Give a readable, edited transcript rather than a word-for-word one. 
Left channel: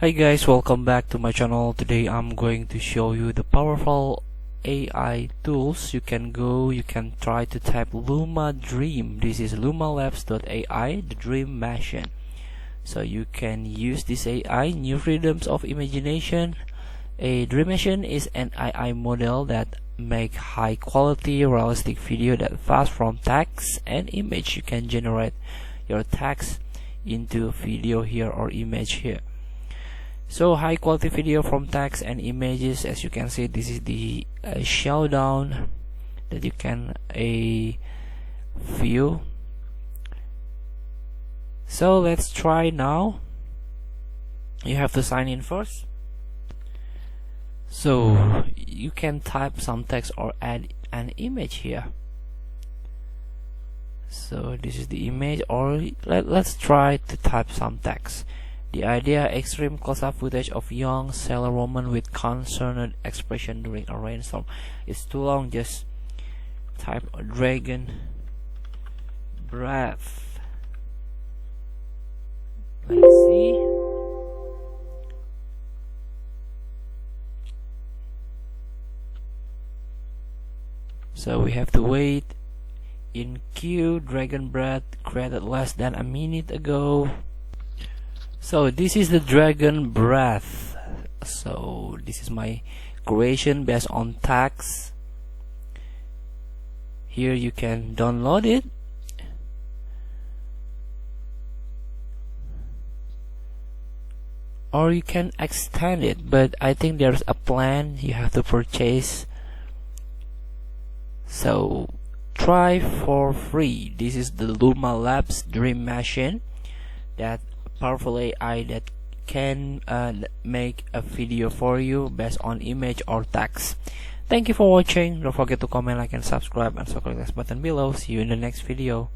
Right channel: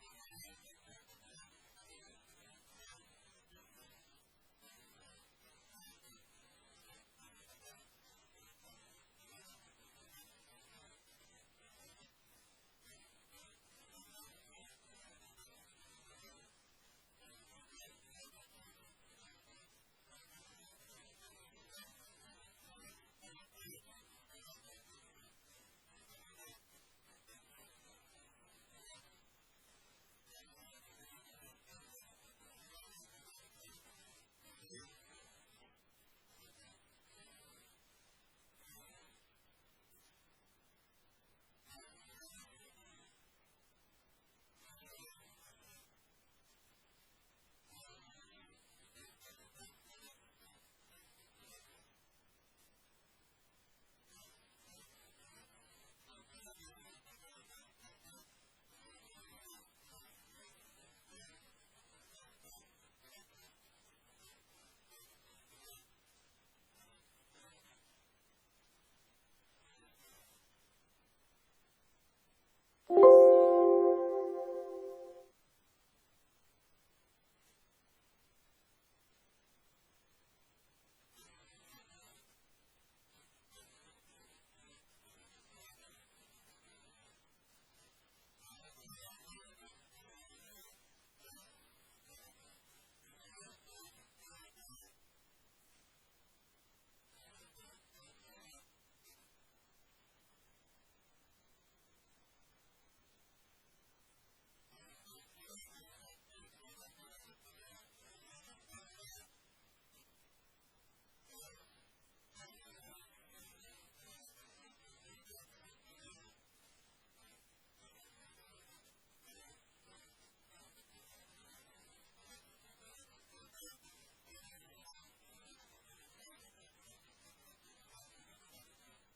Hi guys, welcome back to my channel. Today I'm going to show you the powerful AI tools. You can try to type Luma Dream. This is lumalabs.ai, the dream machine. So you can use this AI, new freedoms of imagination. A dream machine is an AI model that make high quality realistic video that fast from text and image. You can generate your text into video here or image here. So high quality video from text and images. As you can see, this is the showdown that you can view. So let's try now. You have to sign in first. So you can type some text or add an image here. So this is the image, or let's try to type some text. The idea: extreme close-up footage of young sailor woman with concerned expression during a rainstorm. It's too long, just type dragon breath. Let's see. So we have to wait in queue. Dragon breath created less than a minute ago. So this is the dragon breath. So this is my creation based on text. Here you can download it. Or you can extend it, but I think there's a plan you have to purchase. So try for free. This is the Luma Labs Dream Machine, that powerful AI that can make a video for you based on image or text. Thank you for watching. Don't forget to comment, like, and subscribe, and so click this button below. See you in the next video.